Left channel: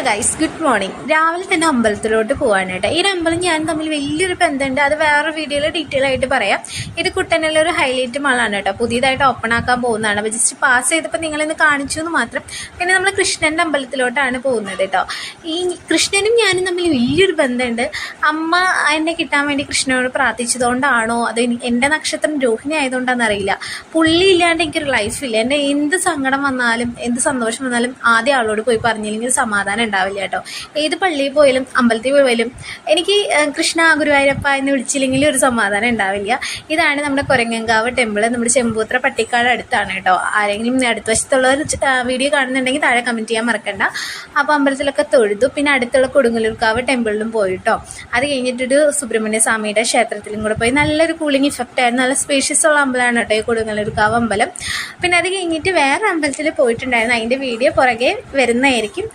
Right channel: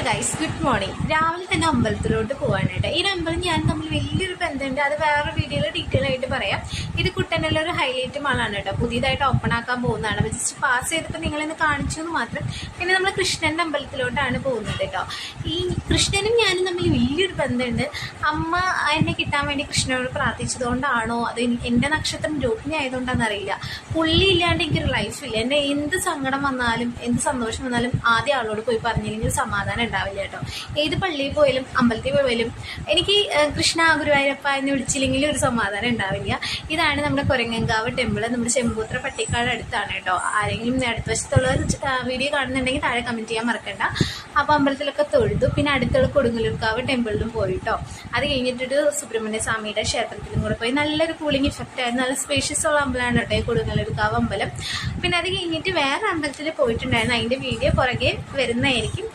Hello guys, good morning. രാവിലെ തന്നെ അമ്പലത്തിലോട്ട് പോകാണ് കേട്ടോ. ഈ ഒരു അമ്പലം ഞാൻ തമ്മിൽ വലിയൊരു ബന്ധമുണ്ട്. അത് വേറൊരു വീഡിയോയിൽ ഡീറ്റെയിൽ ആയിട്ട് പറയാം. ഇത് കുട്ടനിലെ ഒരു ഹൈലൈറ്റ് മാളാണ് കേട്ടോ. പുതിയതായിട്ട് ഓപ്പൺ ആക്കാൻ പോകുന്നതാണ്. അപ്പോൾ ജസ്റ്റ് പാസ് ചെയ്തപ്പോൾ നിങ്ങളിന്ന് കാണിച്ചു എന്ന് മാത്രം. പിന്നെ നമ്മൾ കൃഷ്ണൻ്റെ അമ്പലത്തിലോട്ടാണ് പോകുന്നത് കേട്ടോ. ഈ കൃഷ്ണനും ഞാനും തമ്മിൽ വലിയൊരു ബന്ധമുണ്ട്. അമ്മ എന്നെ കിട്ടാൻ വേണ്ടി കൃഷ്ണനോട് പ്രാർത്ഥിച്ചതുകൊണ്ടാണോ അത് എൻ്റെ നക്ഷത്രം രോഹിണി ആയതുകൊണ്ടാണെന്ന് അറിയില്ല. പുള്ളി ഇല്ലാണ്ട് എനിക്കൊരു ലൈഫില്ല. എൻ്റെ എന്ത് സങ്കടം വന്നാലും എന്ത് സന്തോഷം വന്നാലും ആദ്യം ആളോട് പോയി പറഞ്ഞില്ലെങ്കിൽ സമാധാനം ഉണ്ടാവില്ല കേട്ടോ. ഏത് പള്ളിയിൽ പോയാലും അമ്പലത്തിൽ പോയാലും എനിക്ക് കൃഷ്ണ ഗുരുവായൂരപ്പ എന്ന് വിളിച്ചില്ലെങ്കിൽ ഒരു സമാധാനം ഉണ്ടാവില്ല. ഇതാണ് നമ്മുടെ കൊരങ്ങങ്കാവ് ടെമ്പിൾ. നമ്മുടെ ചെമ്പൂത്ര പട്ടിക്കാട് അടുത്താണ് കേട്ടോ. ആരെങ്കിലും അടുത്ത വശത്തുള്ളവർ വീഡിയോ കാണുന്നുണ്ടെങ്കിൽ താഴെ കമൻറ്റ് ചെയ്യാൻ മറക്കണ്ട. അപ്പോൾ അമ്പലത്തിലൊക്കെ തൊഴുതു. പിന്നെ അടുത്തുള്ള കൊടുങ്ങല്ലൂർക്കാവ് ടെമ്പിളിലും പോയി കേട്ടോ. അത് കഴിഞ്ഞിട്ടൊരു സുബ്രഹ്മണ്യ സ്വാമിയുടെ ക്ഷേത്രത്തിലും കൂടെ പോയി. നല്ലൊരു കൂളിംഗ് ഇഫക്റ്റ് ആയിരുന്നു. നല്ല സ്പേഷ്യസ് ഉള്ള അമ്പലമാണ് കേട്ടോ ഈ കൊടുങ്ങല്ലൂർക്കാവ് അമ്പലം. പിന്നെ അത് കഴിഞ്ഞിട്ട് വേറെ അമ്പലത്തിൽ പോയിട്ടുണ്ടായിരുന്നു. അതിൻ്റെ വീഡിയോ പുറകെ വരുന്നതായിരിക്കും.